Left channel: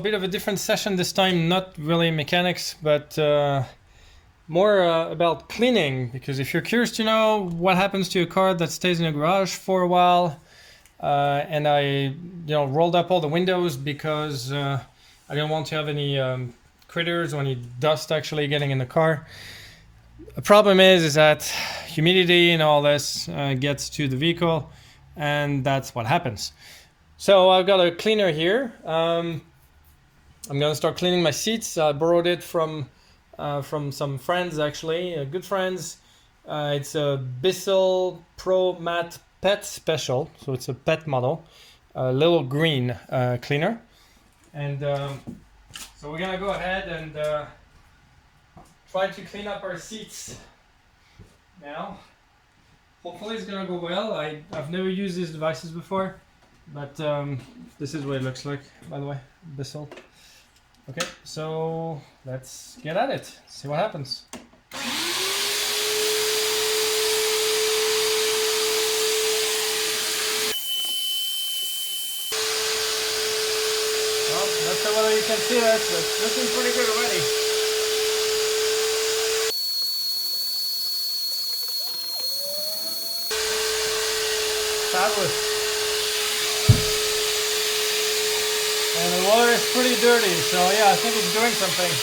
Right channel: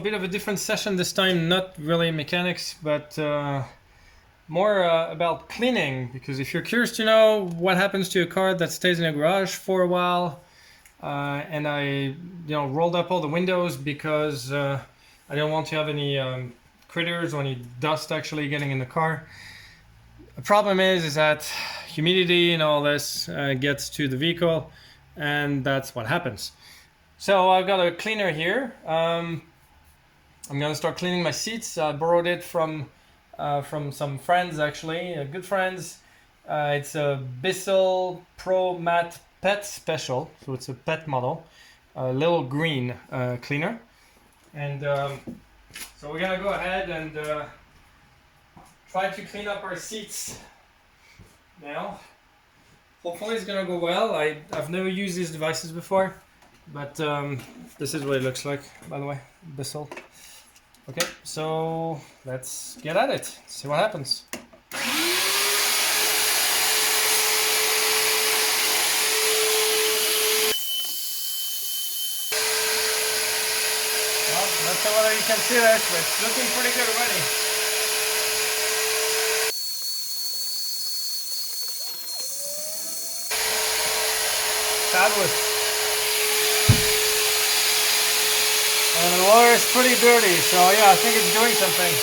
bit of a different session this time, not really mechanics, but more about cleaning, because if you're curious to know what happens to a car that stays in a garage for a while, and I rolled up all the windows because I don't want to have any critters or any dust actually getting in the car. The problem is that humidity and all this gets to the vehicle, and that's what happens. So I've got a cleaner here. I'm gonna start cleaning my seats. I borrowed it from some friends, actually, good friends. It's a Bissell Pro Matte Pet Special, so it's a pet model, a little green cleaner. And so we're gonna go ahead and try to clean up our seats now. Hopefully it's gonna go well. I've never used these devices before, but this is what it looks like, by the way, Bissell. Okay, so let's get at it, see what happens. Well, not sure whether you can see that, but it's looking pretty good already. Fabulous. And the water is pretty dirty, so yeah, I think it's doing something.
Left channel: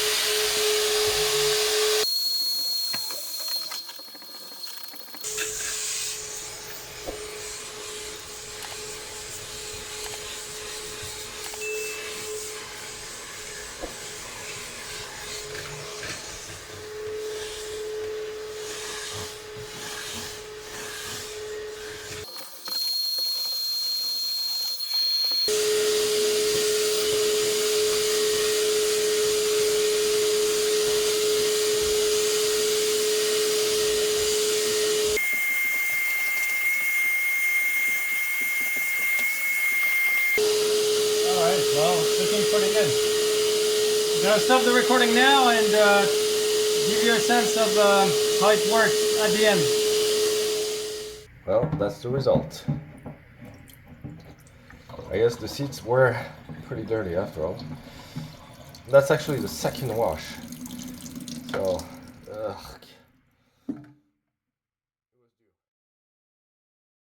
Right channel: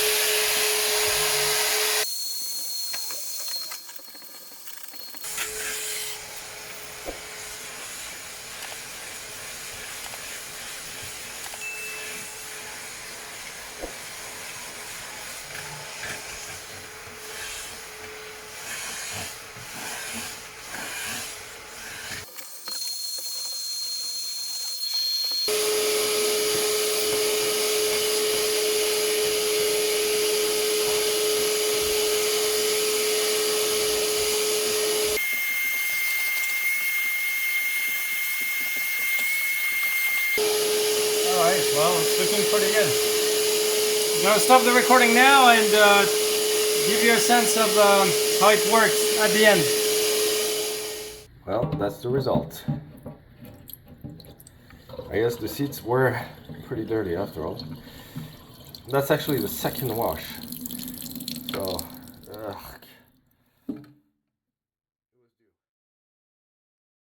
Well, it's looking pretty good. I'm gonna stop the recording now and give you a sense of how it works at the end. Well, that's the result. I guess the seats were pretty dirty after all. That's actually the second wash. So